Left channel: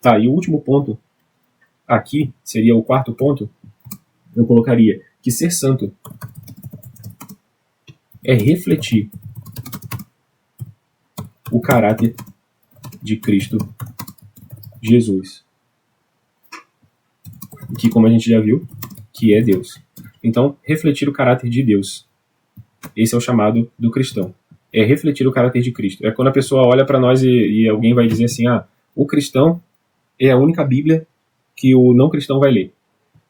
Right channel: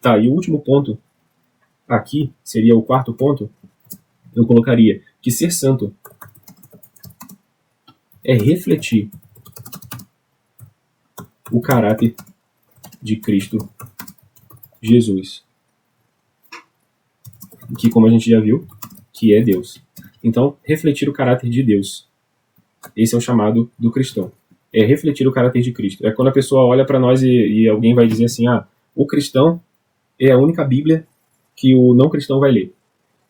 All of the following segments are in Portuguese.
Tá, e o último ponto aqui, seria o quarto ponto, eu colocaria que ser santo é refletir o caráter de Cristo Jesus, que, como a gente já viu, que é Deus. Então, refletir o caráter de Deus. Esse é o chamado do cristão. É refletir o caráter de Cristo. É quando a pessoa olha para nós e alguém vai dizer assim, o cristão é a única Bíblia que o não cristão vai ler.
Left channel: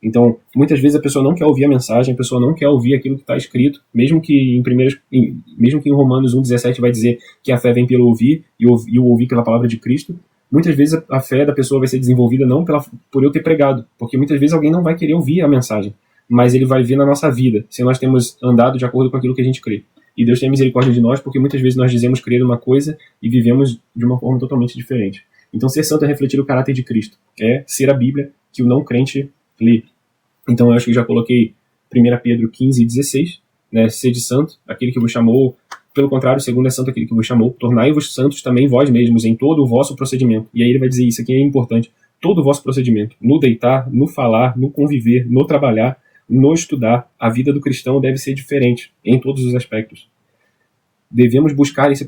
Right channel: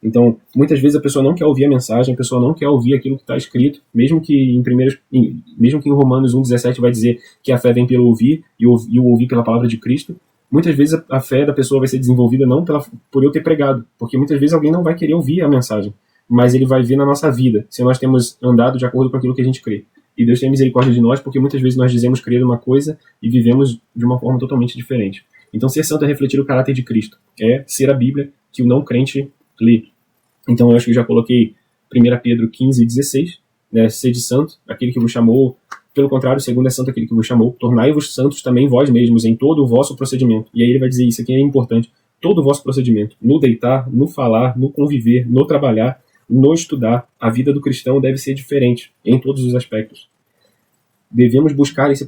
Então, muitas vezes a pessoa não quer ouvir a mensagem, a pessoa não quer ouvir aquilo que está escrito, mesmo que em Romanos 1,17 vai dizer que a fé vem pelo ouvir e o ouvir pela palavra de Cristo. Muitas vezes a fé da pessoa vai ser desenvolvida não por eu ter pregado, porque muitas vezes alguém não vai querer ouvir a mensagem, mas ele vai ver na nossa vida, se nós temos andado de acordo com aquilo que a gente crê. E Deus tem misericórdia de nós, porque muitas vezes nós dizemos crer numa coisa e vivemos de uma forma totalmente diferente. Então, ser santo é refletir o caráter de Cristo, é ser a Bíblia que o não crente lê. Então, eu acho que eu já coloquei 1 Pedro 15:16, né, sede santo, aquele que vos chamou. Pelo contrário, segundo é santo aquele que vos chamou, tornai-vos santos também vós mesmos em todo o vosso procedimento. E aí ele vai dizer isso aqui é importante, todo o vosso procedimento, no deitar, no falar, no conviver, no trabalhar, no estudar. A vida do cristão deve ser diferente em todos os aspectos. Devemos buscar esse...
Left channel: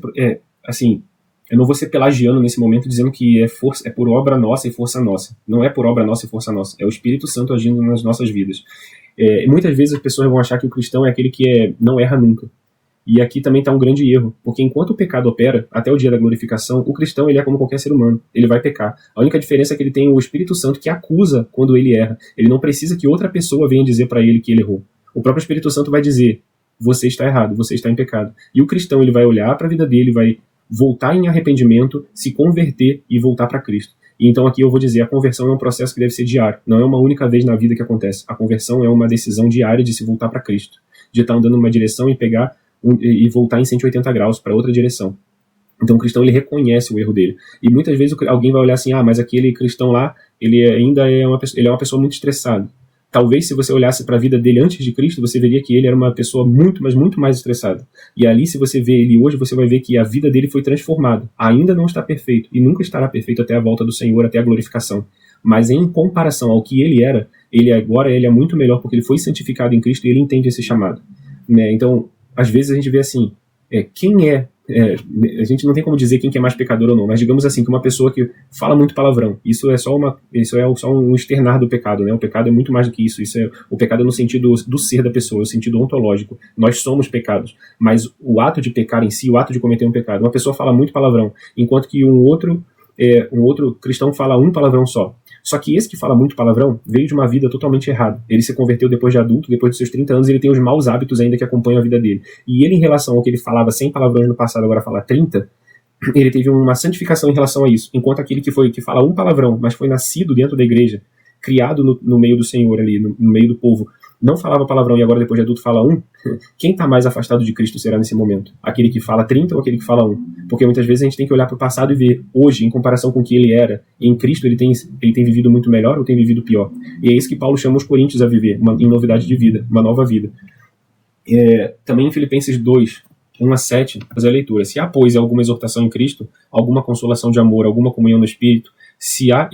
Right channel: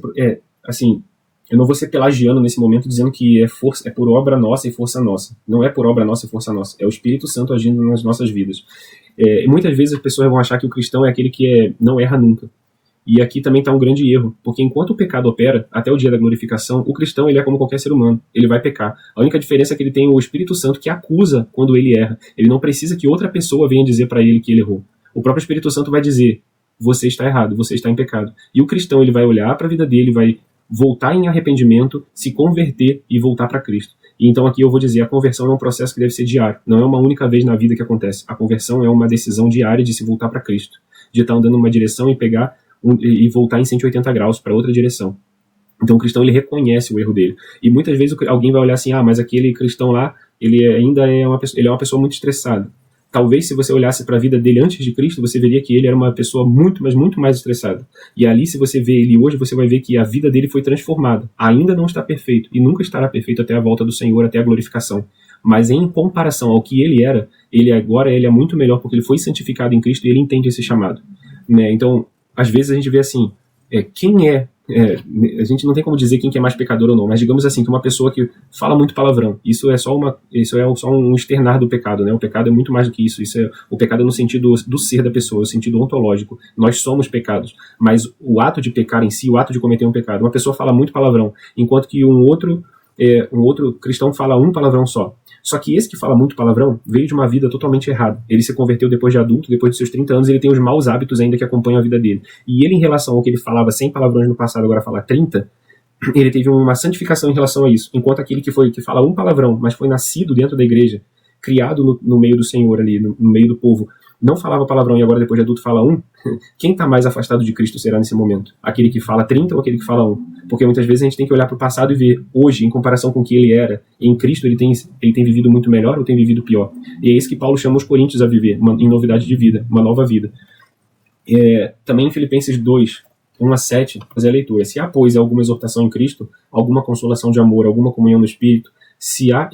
assim, eu não vou ser pelagiano nesse momento dizendo que é por obra nossa e força nossa. Não é por obra nossa e força nossa. É o Espírito Santo agindo nas nossas vidas. Muitas vezes as pessoas vão achar que o cristão é aquele que não erra nunca. E aqui também está um grande erro, porque enquanto o pecado opera, até o dia da glorificação, o cristão ele é como qualquer ser humano, ele vai pecar. A única diferença é que ele tem o Espírito Santo que acusa quando ele erra. Ele não precisa que outra pessoa venha dizer para ele que ele errou. O próprio Espírito Santo vai dizer, você está errado, você está em pecado. E o cristão ele vai olhar para a vida dele, vai voltar em arrependimento, se converter e voltar para Cristo. E então aqui eu vou dizer, a conversão é um processo que deve ser diário. Não é uma única vez na vida que acontece. A conversão é uma decisão diária de se voltar para Cristo. De estar andando numa direção e pegar e voltar em 180 graus para outra direção. Então o cristão ele reconhece o erro dele. E muitas vezes alguém vai olhar assim, mas aquele cristão lá, ele ainda é uma pessoa muito estressada. Talvez se você olhasse para a vida dele antes de Cristo, você veria que ele era uma pessoa muito, mas muito mais estressada. E ali, se você vê ele hoje, você vai ver que a vida dele foi transformada. Ainda não está perfeito, e nunca estará perfeito até a volta do Senhor, até a glorificação. Mas em comparação ao que ele era, ele agora ele é muito melhor, porque ele foi santificado em Cristo e ele entende esse chamado. Né? Então, às vezes a gente vê assim, a gente não tem como dizer quem que é mais pecador ou não, mas digamos assim, que uma pessoa que fala muito palavrão, isso é só um externar do pecado, né? O pecado é muito mais do que isso, o pecado é no sentido do ser da pessoa, no sentido ontológico. Nós somos pecados, mas o ato de pecar em si, o ato de cometer um pecado, uma pessoa fala muito palavrão, enquanto que um outro cristão fala um palavrão só. Só que esse que fala muito palavrão veio de uma vida totalmente errada. Ele se converteu depois de adulto, depois de seus 30 anos, ele tem os maus hábitos ainda que acompanham a vida dele. E ele, em relação ao que ele falava 100 palavrões no passado, agora fala 30, ele teve uma santificação em relação a isso. Enquanto aquele que fala um palavrão, mas foi nascido dentro da igreja, criado no meio do Senhor ali, no meio do povo, não falava palavrão e agora depois de adulto fala um, quem está mais afastado de Cristo será nesse momento? Aquele que fala 30 ou aquele que fala um? Porque muitas vezes a gente tem que olhar para o passado e ver hoje, em comparação com o que ele era, e em Cristo ele tem vivido muito melhor ou tem vivido pior? E é isso que Paulo chama os coríntios a viver, em novidade de vida, uma nova vida. Também em Filipenses 2, 1-7, fazer a leitura. Se há, pois, alguma exortação em Cristo, alguma consolação de amor, alguma comunhão no Espírito, se há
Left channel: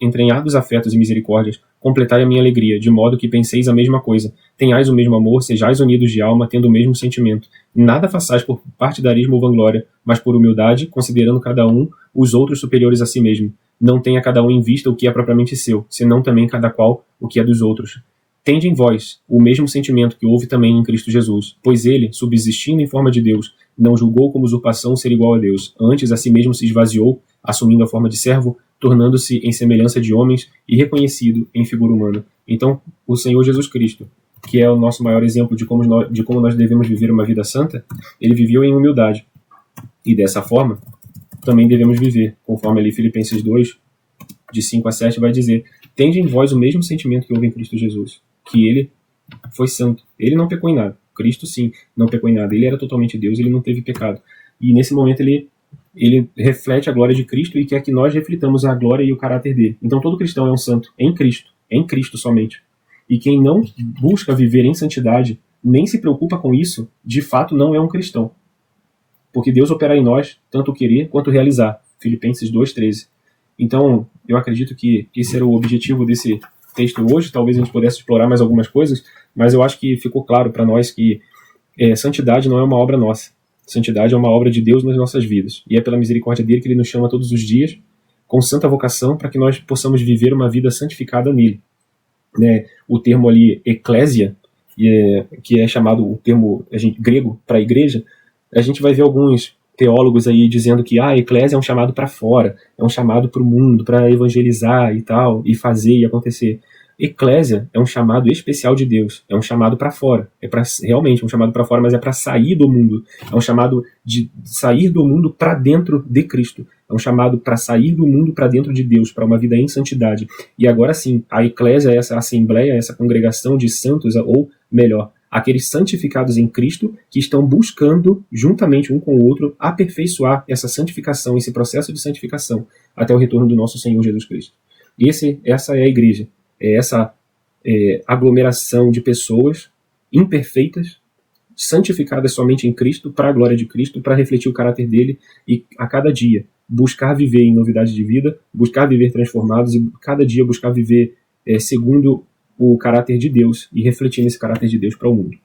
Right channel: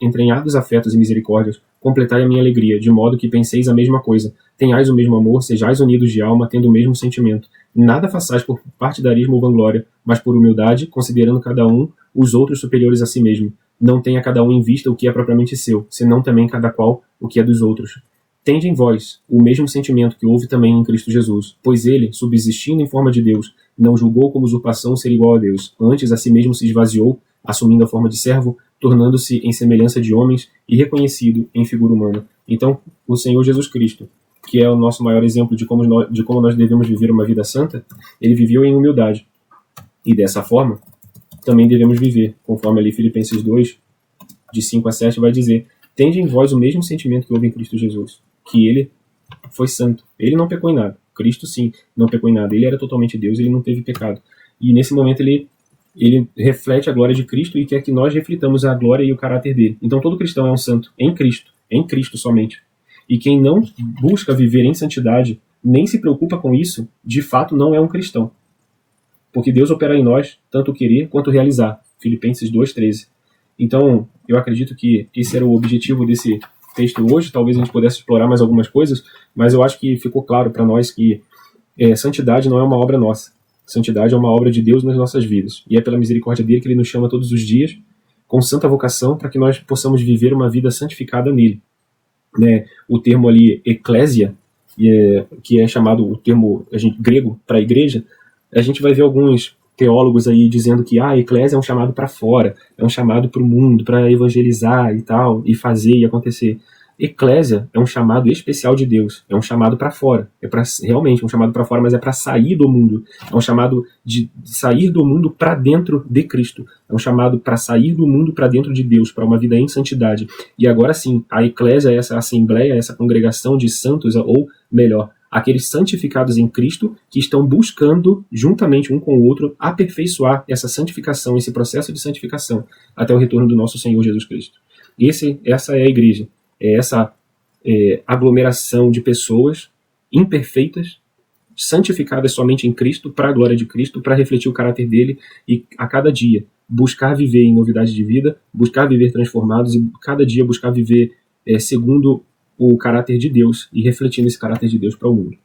entranhados afetos e misericórdias, completai a minha alegria, de modo que penseis a mesma coisa, tenhais o mesmo amor, sejais unidos de alma, tendo o mesmo sentimento. Nada façais por partidarismo ou vanglória, mas por humildade, considerando cada um os outros superiores a si mesmo. Não tenha cada um em vista o que é propriamente seu, senão também cada qual o que é dos outros. Tende em vós o mesmo sentimento que houve também em Cristo Jesus, pois ele, subsistindo em forma de Deus, não julgou como usurpação ser igual a Deus, antes a si mesmo se esvaziou, assumindo a forma de servo, tornando-se em semelhança de homens e reconhecido em figura humana. Então, o Senhor Jesus Cristo, que é o nosso maior exemplo de como nós devemos viver uma vida santa, ele viveu em humildade. E dessa forma, também devemos viver, conforme ali Filipenses 2, de 5-7, vai dizer, tende em vós o mesmo sentimento que houve em Cristo Jesus, que ele foi santo. Ele não pecou em nada. Cristo, sim, não pecou em nada. Ele era totalmente Deus, ele não teve pecado. E nesse momento ele reflete a glória de Cristo e quer que nós reflitamos a glória e o caráter dele. Então todo cristão é um santo em Cristo somente. E quem não busca viver em santidade, nem se preocupa com isso, de fato não é um cristão. Porque Deus opera em nós, tanto o querer quanto o realizar. Filipenses 2,13. Então, eu acredito que esse era o objetivo desse texto hoje. Talvez a gente pudesse explorar mais algumas coisas, mas eu acho que ficou claro para nós que santidade não é uma obra nossa. Santidade é uma obra de Deus nas nossas vidas. E é pela misericórdia dele que ele nos chama todos os dias com santa vocação para que nós possamos viver uma vida santificada nele. Né? O termo ali, eclésia, que é chamado o termo grego para a igreja, a gente vai ver alguns teólogos aí dizendo que a eclésia é um chamado para fora, é um chamado para o mundo, para evangelizar e tal, e fazer e acontecer. Eclésia é um chamado especial de Deus, é um chamado para fora, é para realmente um chamado para fora, mas é para sair do mundo, é um chamado de sair do mundo para dentro de Cristo, é um chamado para sair do mundo para dentro de Deus, para uma vida em santidade. E agora sim, a eclésia é essa assembleia, essa congregação de santos, ou melhor, aqueles santificados em Cristo que estão buscando, juntamente um com o outro, aperfeiçoar essa santificação, esse processo de santificação, até o retorno do nosso Senhor Jesus Cristo. E essa é a igreja. É essa aglomeração de pessoas imperfeitas, santificadas somente em Cristo, para a glória de Cristo, para refletir o caráter dele e a cada dia buscar viver em novidade de vida, buscar viver transformados e cada dia buscar viver segundo o caráter de Deus e refletindo esse caráter de Deus para o mundo.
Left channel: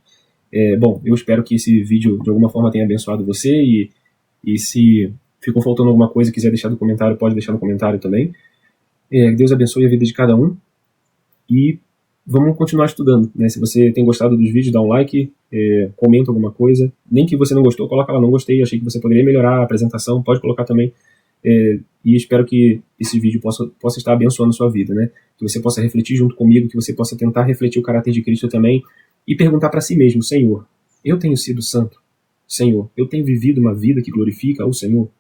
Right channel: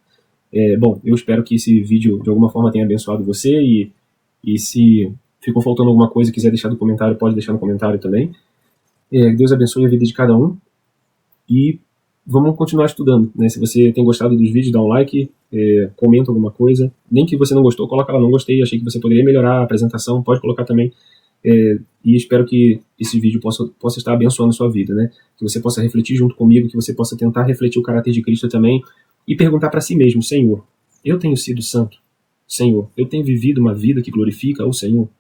Bom, eu espero que esse vídeo de alguma forma tenha abençoado você e se ficou faltando alguma coisa e quiser deixar no comentário, pode deixar no comentário também. Deus abençoe a vida de cada um. E vamos continuar estudando, né? Se você tem gostado dos vídeos, dá um like, comenta alguma coisa. Nem que você não gostou, coloca lá, não gostei, achei que você poderia melhorar a apresentação, pode colocar também. E espero que esse vídeo possa estar abençoando a sua vida, né? Que você possa refletir junto comigo, que você possa tentar refletir o caráter de Cristo também e perguntar para si mesmo: Senhor, eu tenho sido santo? Senhor, eu tenho vivido uma vida que glorifica o Senhor?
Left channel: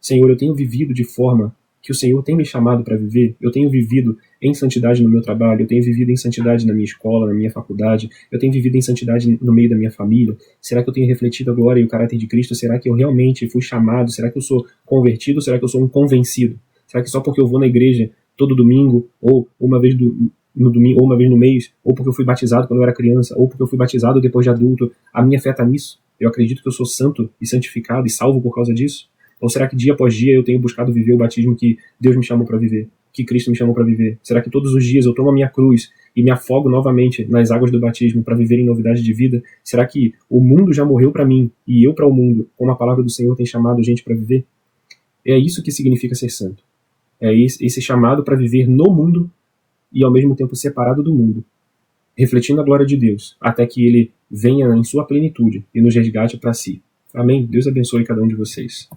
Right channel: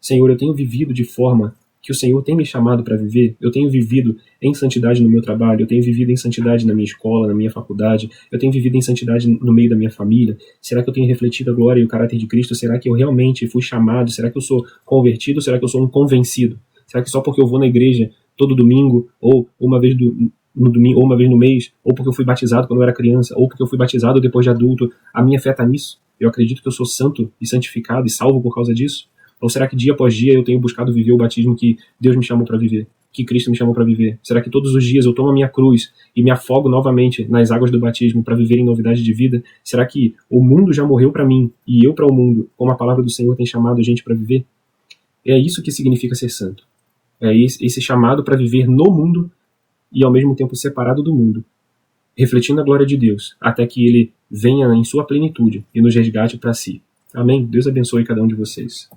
Senhor, eu tenho vivido de forma que o Senhor tem me chamado para viver? Eu tenho vivido em santidade no meu trabalho, eu tenho vivido em santidade na minha escola, na minha faculdade, eu tenho vivido em santidade no meio da minha família? Será que eu tenho refletido a glória e o caráter de Cristo? Será que eu realmente fui chamado? Será que eu sou convertido? Será que eu sou um convencido? Será que só porque eu vou na igreja todo domingo, ou uma vez no domingo, ou uma vez no mês, ou porque eu fui batizado quando eu era criança, ou porque eu fui batizado depois de adulto, a minha fé está nisso? Eu acredito que eu sou santo e santificado e salvo por causa disso? Ou será que dia após dia eu tenho buscado viver o batismo que Deus me chamou para viver, que Cristo me chamou para viver? Será que todos os dias eu tomo a minha cruz e me afogo novamente nas águas do batismo para viver em novidade de vida? Será que o mundo já morreu para mim e eu para o mundo, como a palavra do Senhor tem chamado a gente para viver? É isso que significa ser santo. É esse chamado para viver no mundo e ao mesmo tempo separado do mundo, refletindo a glória de Deus, até que Ele venha em sua plenitude e nos resgate para si. Amém? Deus abençoe cada um de vocês.